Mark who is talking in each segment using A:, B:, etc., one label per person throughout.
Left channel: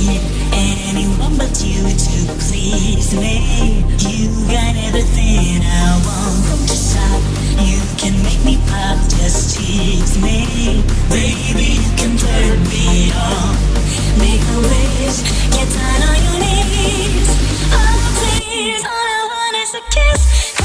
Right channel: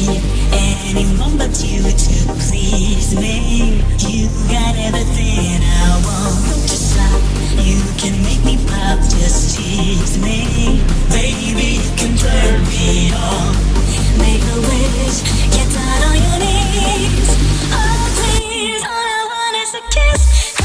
A: need anyone but you to please me. You got everything I want. Don't you stop. You can make me pop, just tease me. Baby, you can turn me on. Make a wish, get down on your knees. Oh, please, all I want is a kiss.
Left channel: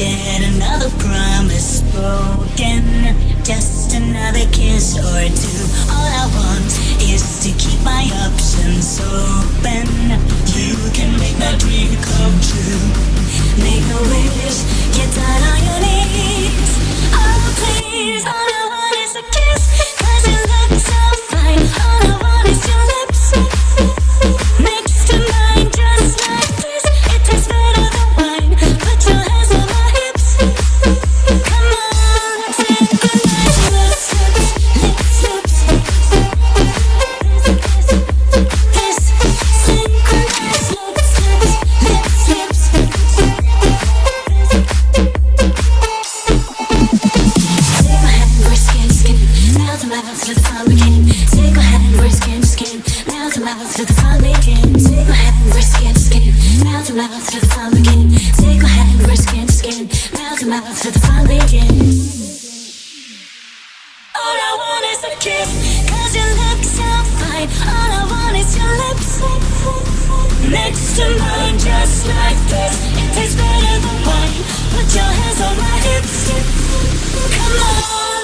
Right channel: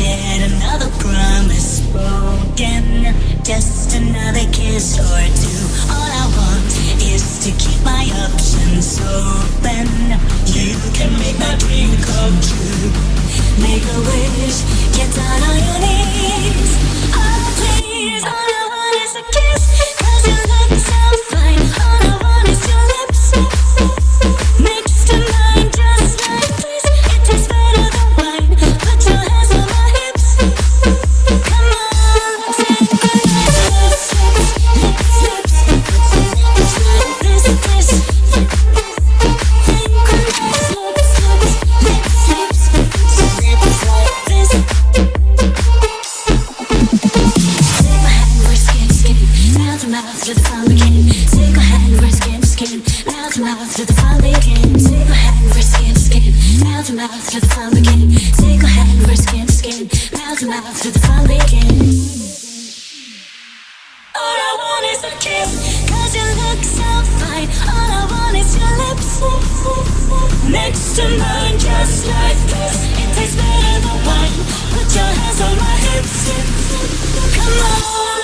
A: Yet another promise spoken. Just another kiss or two. All I want is to keep my options open. You can make my dream come true. Make a wish, get down on your knees. Oh, please, all I want is a kiss. Mouth to mouth the fun. Take my hand, we're skin to skin, mouth to mouth the fun. Take my hand, we're skin to skin, mouth to mouth the fun. All I want is a kiss, cause you look so fine. All I want is your lips. Next to mine, just like this. It tastes better than wine. Put your hands on my hips. Come on,